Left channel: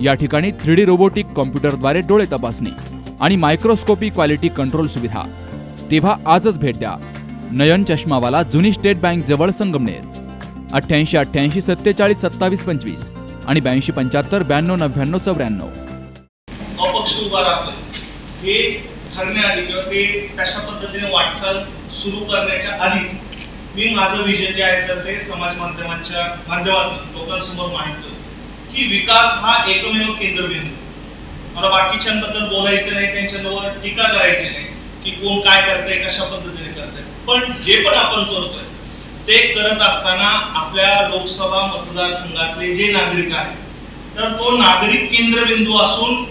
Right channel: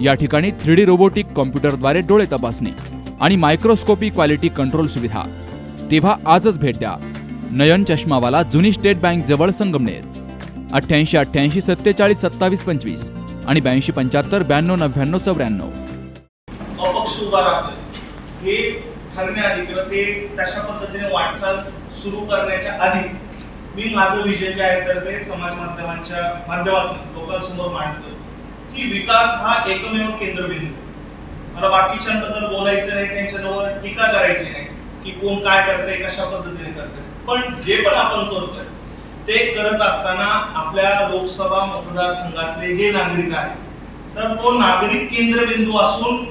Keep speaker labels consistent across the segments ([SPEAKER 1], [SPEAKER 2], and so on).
[SPEAKER 1] या ठिकाणी three D robotic कॉम्प्युटरद्वारे डोळे तपासणी आणि मायक्रोस्कोपी क्वालिटी कंट्रोल सुविधा. तेव्हा आजच भेट द्या. नयन चष्मावाला जुनी स्टेट बँक जवळ संगमनेर. अठ्ठ्याऐंशी अठ्ठ्याऐंशी सत्तेचाळीस सत्तावीस पंचवीस आणि ब्याऐंशी पंच्याहत्तर ब्याण्णव नव्याण्णव चौऱ्याण्णव.
[SPEAKER 2] अपक्ष उभा राहतोय हे ठरण्याआधी किंवा ते तशा पद्धतीने वाटचाल सुरू करण्याच्या आधी मी माझं विजन जे आहे तर ते समाज माध्यमांच्या माध्यमातून लोकांसमोर मांडतोय. की विकास हा एकमेव केंद्रबिंदू. मला बाकीच्यांबद्दल बोलायचं नाही त्यांच्यावर टीका करायची नाही की कोण काय करतंय कशा पद्धतीने करतंय. पण जे पण आपण करतोय ते करत असताना आपल्या लोकसभा मतदारसंघातले जे नागरिक आहेत तर तो नागरिक केंद्रबिंदू असून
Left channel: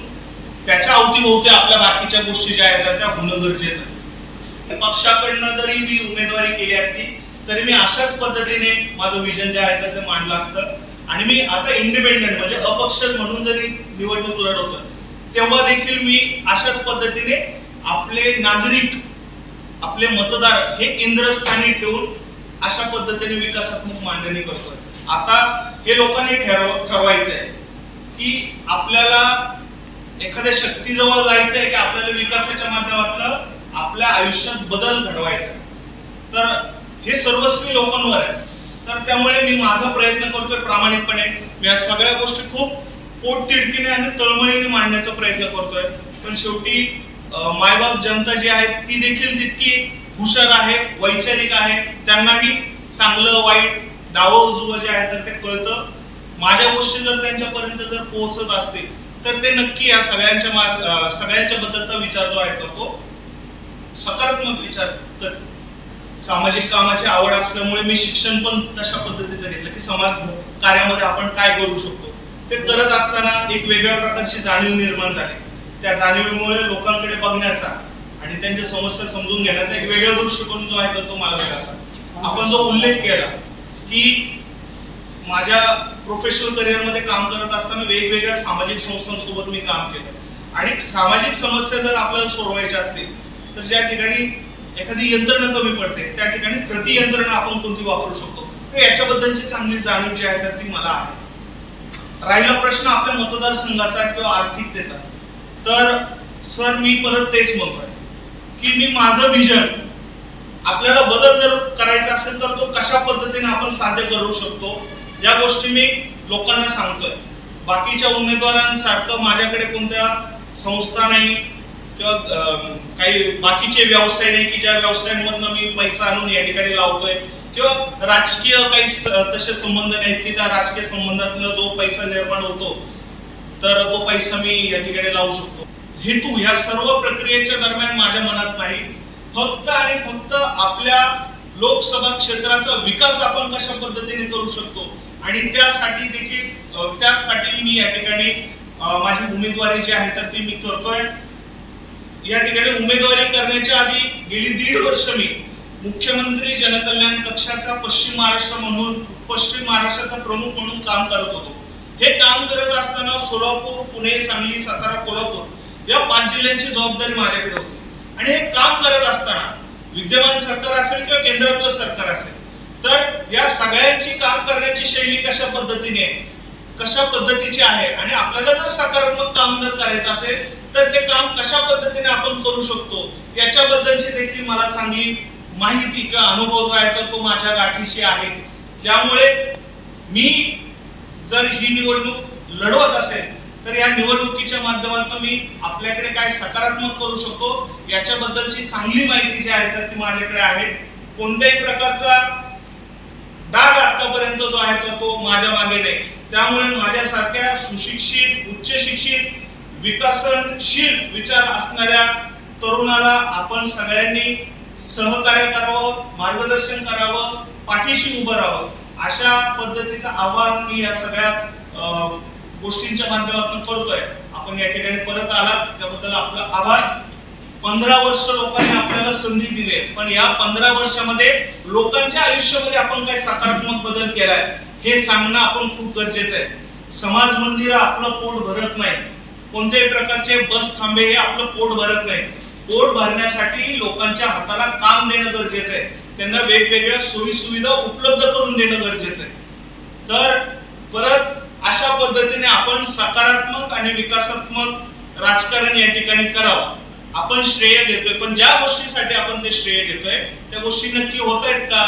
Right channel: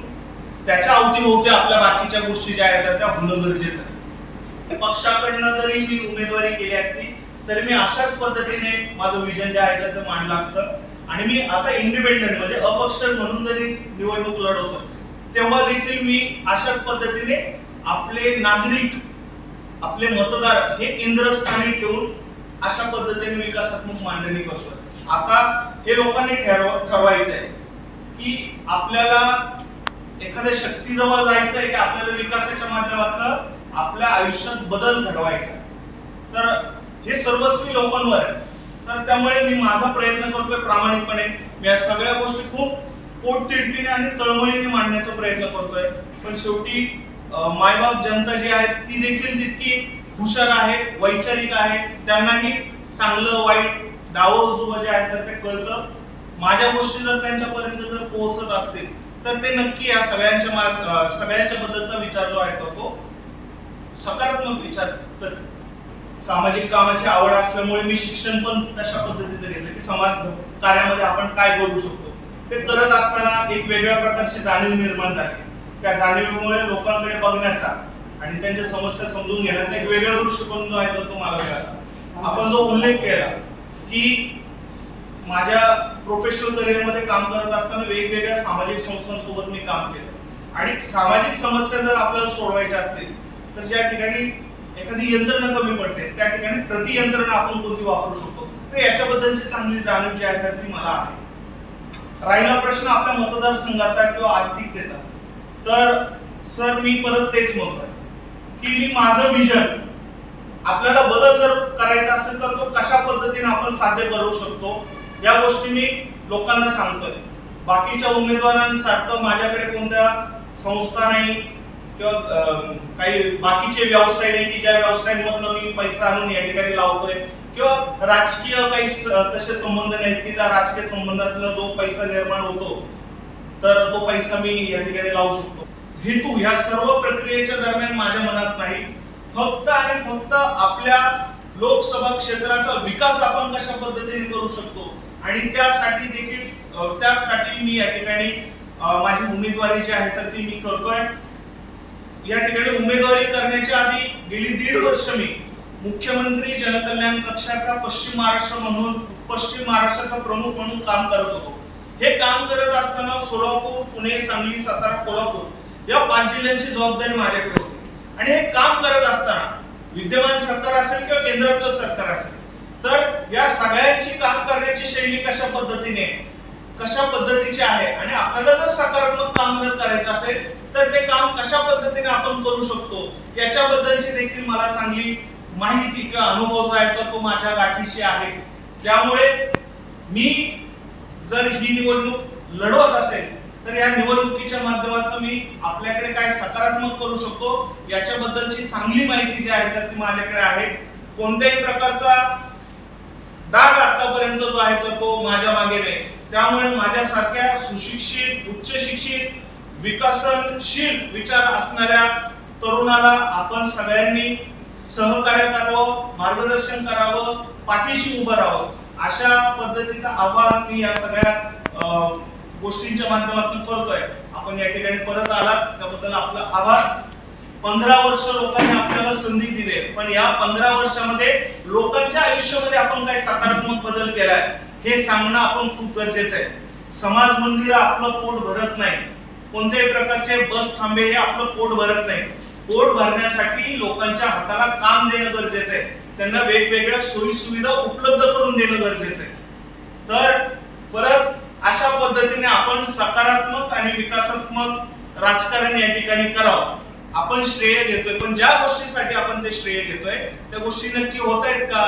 [SPEAKER 2] त्याच्या अवतीभोवती आपल्या बाकीच्या गोष्टी ज्या आहेत त्या होणं गरजेचं पक्षाकडनं जरी मी उमेदवारी केली असती तरी मी अशाच पद्धतीने माझं विजन जे आहे तर ते मांडलं असतं. आणि मी आता इंडिपेंडंट म्हणजे अपक्ष म्हणून जरी निवडणूक लढवतो तेव्हा देखील मी अशाच पद्धतीने आपले नागरिक आपले मतदार हे केंद्रस्थानी ठेवून अशा पद्धतीने विकासात्मक मांडणी करतो आता हे लोकांनी ठरव ठरवायचं आहे की आपल्याला एखाद्या शक्तीजवळ जायचं आहे की आपल्याला विकासाच्या माध्यमातून आपल्या आयुष्यात बदल घडवायचा. तर हे सर्वस्वी लोकांवर आहे. तर त्यामुळे मी माझा प्रयत्न करतोय प्रामाणिकपणे. मी या सगळ्या गोष्टी खूप पोटतिडकीने आणि तळमळीने मांडण्याचा प्रयत्न करतोय. पण शेवटी मायबाप जनता जी आहे ती देखील तितकी हुशार आहे वैचारिक आहे. त्यांनाही चांगलं वाईट डावं उजवं जे आहे तर ते कळतं. माझ्या गोष्टी जर त्यांच्यापर्यंत जर पोहोचत असतील तर ते नक्की या सगळ्यांच्या मा- सगळ्यांच्या बद्दलचा विचार जो आहे करतो तो सकारात्मक विचार तर सामाजिक कामाची आवड असल्यामुळे मी शिक्षण पण तशा पद्धतीचं घेतलं की समाज कार्यामध्ये आपण काय करू शकतो. ते करत असताना एक वेगळ्या प्रकारची जाणीव निर्माण झाली. त्या जाणीवीमुळे लोकांकडे बघण्याचा आणि त्यांच्या समस्या समजून घेण्याचा एक वेगळा दृष्टिकोन जो आहे तर तो मला मिळाला. आपण जो उल्लेख केला की माझ्या प्रोफेशनल करिअरमध्ये काम करत असताना वेगवेगळ्या सामाजिक संस्थांसोबत मी काम केलं. आणि सामाजिक समस्या जर आपल्याला सोडवायच्या असतील तर ज्या ठिकाणी एखादी यंत्रणा कमी पडते त्या ठिकाणी प्रति यंत्रणा आपण कोणती वापरू शकतो? तर याच्याबद्दलची चांगली जाणीव जी आहे तर ती मला आहे. राहिला प्रश्न आपल्या मतदारसंघाचा किंवा आर्थिकतेचा तर सर मी परत तेच म्हणतोय की मी माझं विजन आपल्याला बदल जर करायचा असेल तर तो कशा पद्धतीने आपण साध्य करू शकतो या गोष्टी मी लोकांना सांगतोय. बाकीच्या उमेदवारांसारखं माझ्याकडे कोणत्या संस्था नाही किंवा अं, काही बाकीचे व्यवसाय नाही की ज्या व्यवसायांमधनं मी पैसा आणून या ठिकाणी लावतोय. किंवा राजकीय काही तसे संबंध नाहीत की त्या राजकीय संबंधातनं जो पैसा निर्माण होतो तर तो पैसा मी या ठिकाणी लावू शकतो. हेतू ह्या सर्व प्रक्रियेच्या दरम्यान माझ्या मनात नाही. फक्त आणि फक्त आपल्या लोकसभा क्षेत्राचा विकास आपण कशा पद्धतीने करू शकतो आणि त्यासाठी देखील त्यासाठी मी या ठिकाणी माझी उमेदवारी जी आहे तर ती मी करतोय. या ठिकाणी उमेदवारी करण्याच्या आधी गेली दीड वर्ष मी मुख्यमंत्री जनकल्याण कक्षाचा पश्चिम महाराष्ट्र म्हणून पश्चिम महाराष्ट्राचा प्रमुख म्हणून काम करत होतो. हे काम करत असताना सोलापूर पुणे सांगली सातारा कोल्हापूर या पाच जिल्ह्यांची जबाबदारी माझ्याकडे होती. आणि हे काम करत असताना विद्यमान सरकार असेल किंवा केंद्रातलं सरकार असेल तर या सगळ्यांची काम करण्याची शैली कशा पद्धतीने आहे? कशा पद्धतीची आहे? आणि आपल्याला जर सकारात्मक काम जर करायचं असेल तर ते काम कशा पद्धतीने आपण करू शकतो याच्याबद्दलची देखील मला चांगली माहिती किंवा अनुभव जो आहे तर तो माझ्या गाठीशी आहे. त्यामुळे मी जर ही निवडणूक लढवत असेल तर या निवडणुकीच्या माध्यमातून मी आपल्याकडे काय सकारात्मक करू शकतो याच्याबद्दलची चांगली माहिती जी आहे तर ती माझ्याकडे आहे. कोणत्याही प्रकारचा डाग आतापर्यंत जो आहे तर तो माझ्या मागे नाही. त्यामुळे माझ्यासारख्या सुशिक्षित उच्च शिक्षित विकसनशील विचार असणाऱ्या तरुणाला आपण सगळ्यांनी सहकार्य करावं मार्गदर्शन करावं पाठीशी उभं राहावं. अशा पद्धतीचं आवाहन मी या सगळ्या अं, गोष्टींच्या माध्यमातून करतोय. आपण या ठिकाणी परत आलात त्याबद्दल आपला आभार. पंधरा वर्ष लोकांनी आपल्याला संधी दिली आहे. पण या पंधरा वर्षामध्ये लोकांच्या आयुष्यामध्ये आपण काय सकारात्मक बदल केलाय हे सांगणं आपण खूप गरजेचं आहे. समाज मंदिर आपलं पोट भरत नाही. कोणत्याही प्रकारचे बस थांबे हे आपलं पोट भरत नाही. पोट भरण्यासाठी लोकांच्या हाताला काम देणं गरजेचं आहे. त्यांना वेगवेगळ्या सोयी सुविधा उपलब्ध करून देणं गरजेचं आहे. तर परत अशा पद्धतीने आपण सकारात्मक आणि विकासात्मक राजकारण या ठिकाणी करावं. आपण श्रेय घेतोय पण ज्या गोष्टीसाठी आपण ते श्रेय घेतोय त्या गोष्टी नक्की होत आहेत का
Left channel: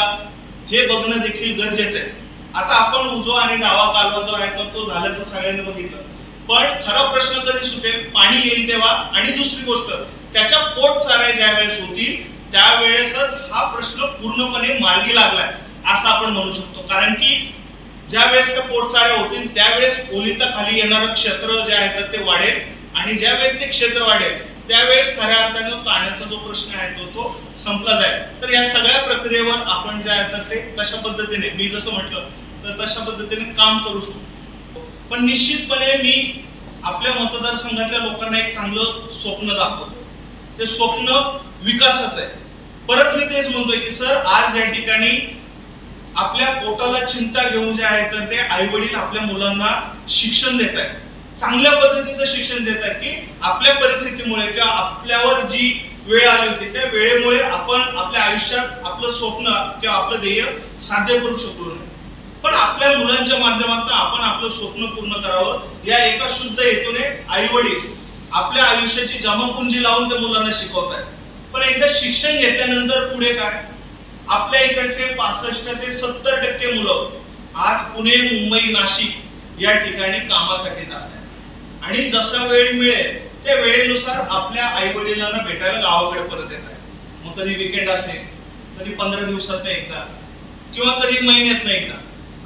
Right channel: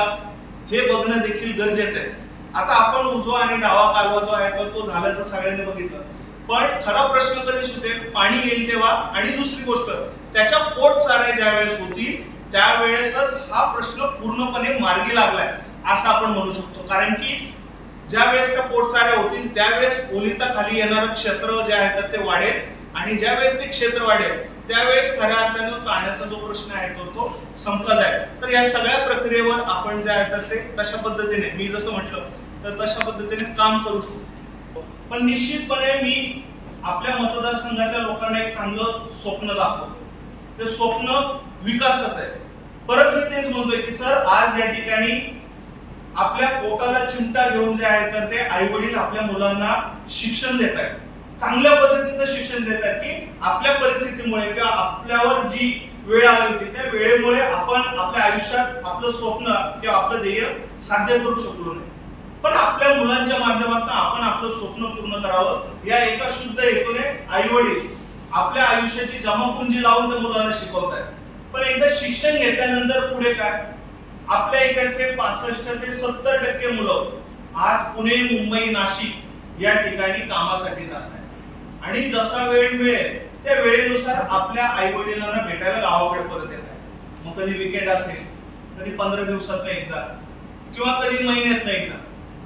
[SPEAKER 2] हे बघणं देखील गरजेचं आहे. आता आपण उजवा आणि डावा कालवा जो आहे तर तो झाल्याचं सगळ्यांनी बघितलं. पण खरा प्रश्न कधी सुटेल? पाणी येईल तेव्हा. आणि दुसरी गोष्ट त्याच्या पोट चाऱ्या ज्या वेळेस होतील त्यावेळेसच हा प्रश्न पूर्णपणे मार्गी लागलाय असं आपण म्हणू शकतो. कारण की ज्या वेळेस त्या पोटचाऱ्या होतील त्यावेळेस ओलिता खाली येणारं क्षेत्र जे आहे तर ते वाढेल. आणि ज्या वेळेस ते क्षेत्र वाढेल त्यावेळेस खऱ्या अर्थानं पाण्याचा जो प्रश्न आहे तो तो संपला जाईल. तर या सगळ्या प्रक्रियेवर आपण जे आहे तर ते तशा पद्धतीने मी जसं म्हटलं तर तशा पद्धतीने काम करू शकतो पण निश्चितपणे मी आपल्या मतदारसंघातल्या लोकांना एक चांगलं स्वप्न दाखवतो. ते स्वप्न विकासाचं आहे. परत मी तेच म्हणतोय की सर आज या ठिकाणी आपल्या पोटाला चिंता घेऊन जे आहे तर ते आई वडील आपल्या मुलांना शिक्षण देत आहेत. चांगल्या पद्धतीचं शिक्षण देत आहेत की आपल्या परिस्थितीमुळे किंवा आपल्यावर जी वेळ आली होती त्या वेळेमुळे आपण आपल्या आयुष्यात आपलं स्वप्न किंवा आपलं ध्येय साध्य करू शकलो नाही. पण आपल्या मुलांच्या माध्यमातून आपण आपलं स्वप्न पूर्ण करावं. या एका शुद्ध हेतूने आई वडील आपल्या आयुष्याची जमापुंजी लावून त्या मुलांना शिकवत आहेत पण एकदा शिक्षण घेतल्यानंतर पुढे काय? आपल्या इकडचे पासष्ट ते सत्तर टक्के मुलं आज पुणे मुंबई नाशिक या ठिकाणी कामासाठी जात आहेत आणि जसा वेळ मिळेल त्या वेळेनुसार आपल्या आई वडिलांना भेटायला गावाकडे परत येत आहे मग कधी विकेंड असेल कधी पंधरा दिवसात एकदा किंवा कधी महिन्यात एकदा.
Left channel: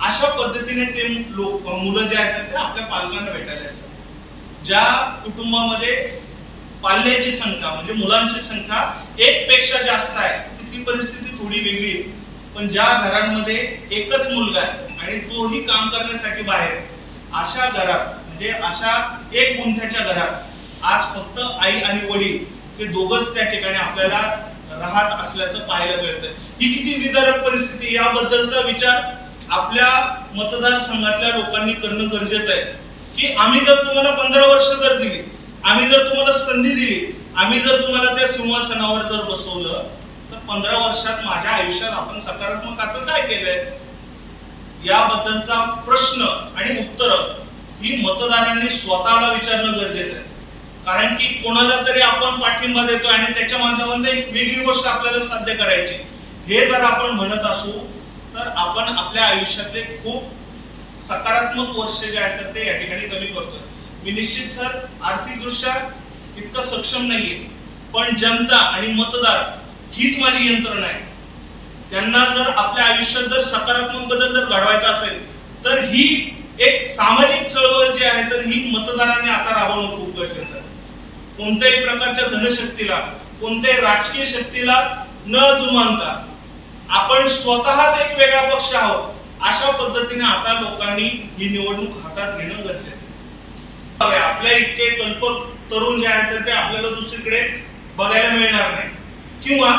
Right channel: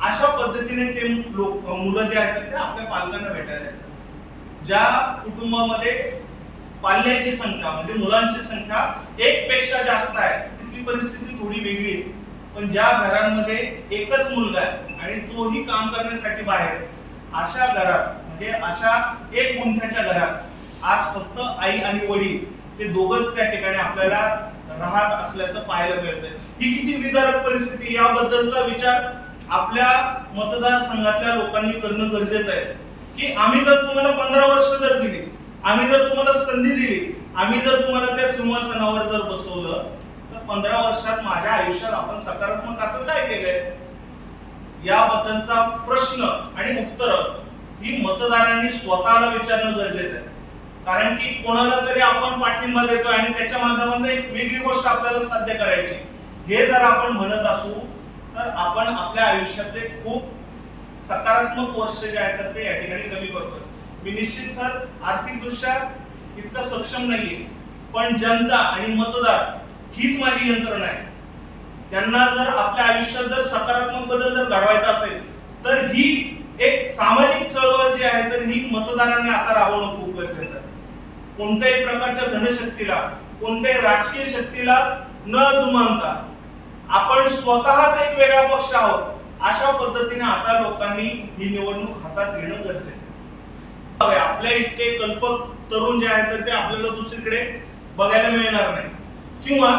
[SPEAKER 2] अशा पद्धतीने ते लोक मुलं जे आहेत ते आपल्या पालकांना भेटायला येतात. ज्या कुटुंबामध्ये पाल्याची संख्या म्हणजे मुलांची संख्या एक पेक्षा जास्त आहे तिथली परिस्थिती थोडी वेगळी आहे. पण ज्या घरांमध्ये एकच मुलगा आहे आणि तोही काम करण्यासाठी बाहेर अशा घरात म्हणजे अशा एक गुंठ्याच्या घरात आज फक्त आई आणि वडील हे दोघच त्या ठिकाणी आपल्याला राहत असल्याचं पाहायला मिळतं ही किती विदारक परिस्थिती याबद्दलचा विचार आपल्या मतदारसंघातल्या लोकांनी करणं गरजेचं आहे. की आम्ही जर तुम्हाला पंधरा वर्ष जर दिली आम्ही जर तुम्हाला संधी दिली आम्ही जर तुम्हाला त्या सिंहासनावर जर बसवलं तर पंधरा वर्षात माझ्या आयुष्यात आपण सकारात्मक असं काय केलंय? याबद्दलचा प्रश्न आणि उत्तर ही मतदारांनी स्वतःला विचारणं गरजेचं आहे. कारण की कोणाला तरी आपण पाठिंबा देतोय आणि त्याच्या माध्यमातून एक वेगळी गोष्ट आपल्याला साध्य करायची. हे जर आपण म्हणत असू तर आपण आपल्या आयुष्यातले खूप सकारात्मक वर्ष जे आहेत तर ते या ठिकाणी कमी करतोय. मी निश्चित सर आर्थिक दृष्ट्या इतकं सक्षम नाहीये पण जनता आणि मतदार हीच माझी यंत्रणा आहे. त्यांना जर आपल्या आयुष्यात जर सकारात्मक बदल जर घडवायचा असेल तर ही एक सामाजिक चळवळ जी आहे तर ही मतदारांनी आता राबवणं खूप गरजेचं आहे. कोणत्याही प्रकारच्या धनशक्तीला कोणत्याही राजकीय शक्तीला न जुमानता आपण स्वतःच एक वेगळा पक्ष आहोत. अशा पद्धतीने आता लोकांनी ही निवडणूक हातात घेणं गरजेचं आहे. आपल्या इतके कल्पक तरुण जे आहेत तर ते आपल्याला दुसरीकडे बघायला मिळणार नाही. किंवा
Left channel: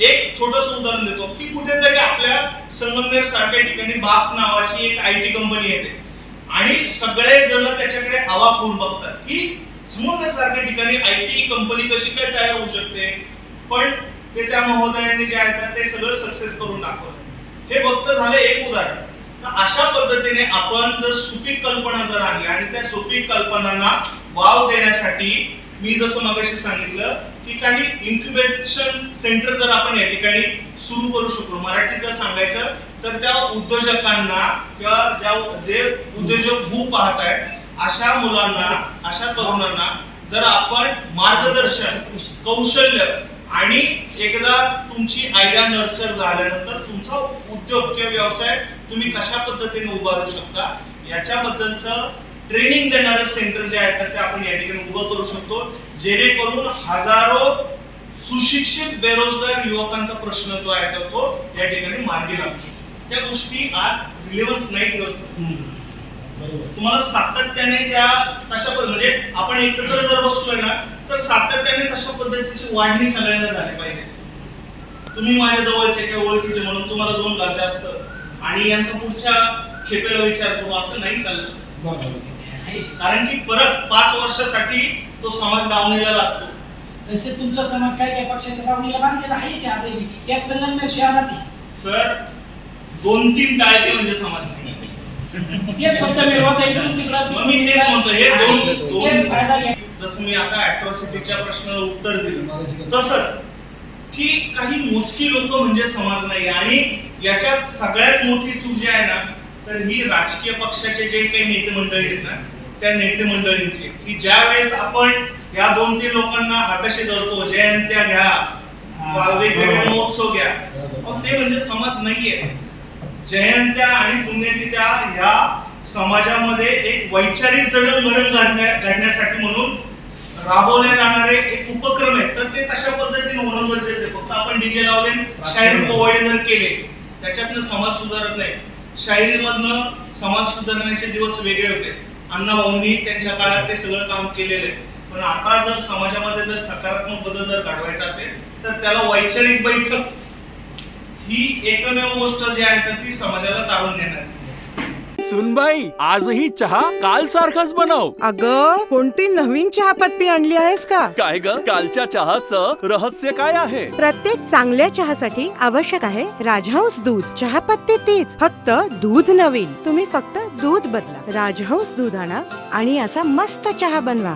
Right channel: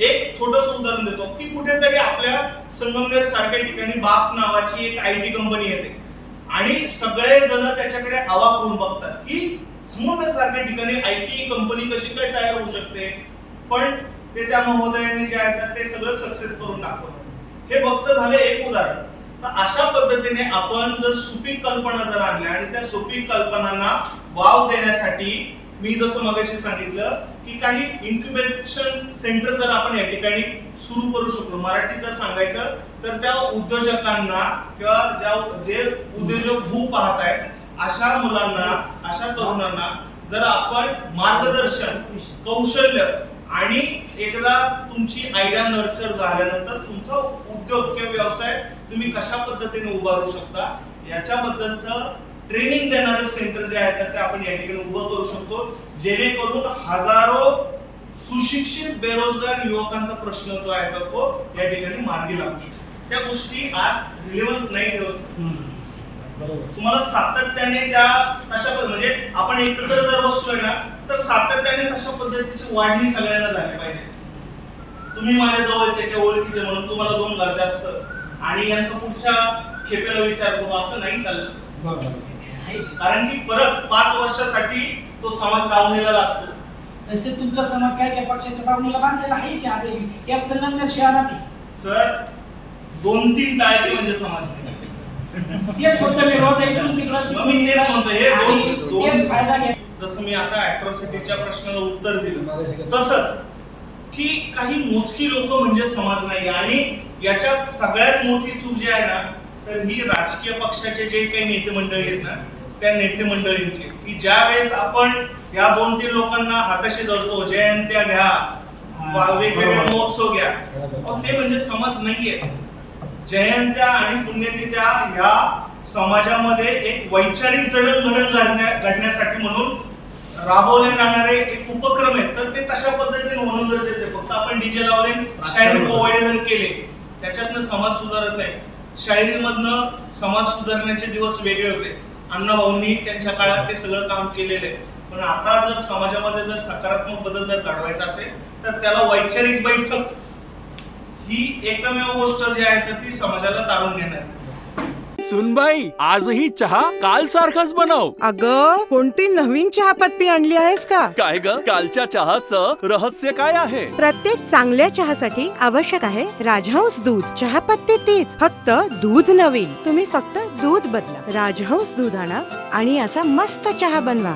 [SPEAKER 2] एक छोटस उदाहरण देतो की कुठेतरी आपल्या संगमनेर सारख्या ठिकाणी बाप नावाची एक आय टी कंपनी येते. आणि सगळे जण त्याच्याकडे आवाक होऊन बघतात की संगमनेर सारख्या ठिकाणी आय टी कंपनी कशी काय तयार होऊ शकते? पण ते त्या महोदयांनी जे आहेत ते सगळं सक्सेस करून दाखवलं. हे फक्त झालं एक उदाहरण. तर अशा पद्धतीने आपण जर सुपीक कल्पना जर आणल्या आणि त्या सुपीक कल्पनांना वाव देण्यासाठी मी जसं मगाशी सांगितलं की काही इन्क्युबेशन सेंटर जर आपण या ठिकाणी सुरू करू शकलो मराठीत जर सांगायचं तर त्या उद्योजकांना किंवा ज्या जे उद्योजक भू पाहत आहेत अशा मुलांना अशा तरुणांना जर आपण मार्गदर्शन कौशल्य आणि एकदा तुमची आयडिया नर्चर झाल्यानंतर तुमचा उद्योग किंवा व्यवसाय तुम्ही कशा पद्धतीने उभारू शकता याच्याबद्दलचं ट्रेनिंग देणारे सेंटर जे आहेत ते आपण या ठिकाणी उभं करू शकतो. जेणेकरून हजारो सुशिक्षित बेरोजगार युवकांचा प्रश्न जो आहे तर तो या ठिकाणी मार्गी लागू शकतो. त्या गोष्टी आज रिलेव्हन्स नाही ठेवत तुम्हाला सातत्याने त्या तशा म्हणजे आपण एकत्र जर बसलोय ना तर सातत्याने तशा पद्धतीची वाढणी सगळ्यांना झाली पाहिजे. तुम्ही माझ्या जवळचे किंवा ओळखीचे म्हणून तुम्हाला दोन गरजा असतं आणि यांचा पुढच्या खेपेला विचार करू असं नाही चालत.
[SPEAKER 3] बरोबर.
[SPEAKER 2] कारण की परत पाच वर्षासाठी तो समाज दावणीला लागतो.
[SPEAKER 3] तसे तुमचा समाज काय काय पक्षाच्या दावणीला बांधलेला आहे या संगमनेर शहरात
[SPEAKER 2] सर दोन तीन टाळके म्हणजे समाज नाही.
[SPEAKER 3] तेच फक्त विरोध इकडून तिकडं
[SPEAKER 2] मी तेच म्हणतो, हे दोन-
[SPEAKER 3] आणि
[SPEAKER 2] दोन-
[SPEAKER 3] तेच फायदा घ्या.
[SPEAKER 2] जसं मी आता अॅट्रॉसिटीच्या प्रश्नाला उत्तर दिलं. तसंच की काही मोजकी लोक म्हणजे समाज नाही. आणि याच्यात सगळ्यात मोठी चूक जी आहे ना तर ही राजकीय पक्षाचे जे काही नेते मंडळी आहेत ना त्या नेते मंडळींची. की ज्या वेळेस आपण या दोन तीन लोकांना हाताशी धरतो जयंत्या घ्या वेगवेगळे. महोत्सव घ्या अहो, ते म्हणजे समाज नाहीये. जयंत्या आणि पुण्यतिथ्या ह्या समाजामध्ये एक वैचारिक जडणघडण घडण्या- घडण्यासाठी म्हणून राबवले जाणारे एक उपक्रम आहेत. तर ते तशा पद्धतीने होणं गरजेचं आहे. फक्त आपण डीजे लावले शायरी पोवाडे जर केले त्याच्यातनं समाज सुधारत नाही. शायरीमधनं समाज सुधारण्याचे दिवस वेगळे होते. अण्णाभाऊंनी त्यांच्या काळात ते सगळं काम केलेलं आहे. पण आता जर समाजामध्ये जर सकारात्मक बदल जर घडवायचा असेल तर त्याला वैचारिक बैठक ही एकमेव गोष्ट जी आहे तर ती समाजाला तारून आहे.
[SPEAKER 4] सुनबाई आजही चहा काल सारखाच बनव.
[SPEAKER 5] अग कोणती नवीन चहापत्ती आणली आहेस का?
[SPEAKER 4] काय ग? कालच्या चहाचं रहस्य काय आहे?
[SPEAKER 5] प्रत्येक चांगल्या चहासाठी आवश्यक आहे राजहंस दूध. चहापत्ती तीच फक्त दूध नवीन. तुम्ही फक्त दूध बदला. राजहंस दूध आणा आणि असा मस्त चहा बनवा.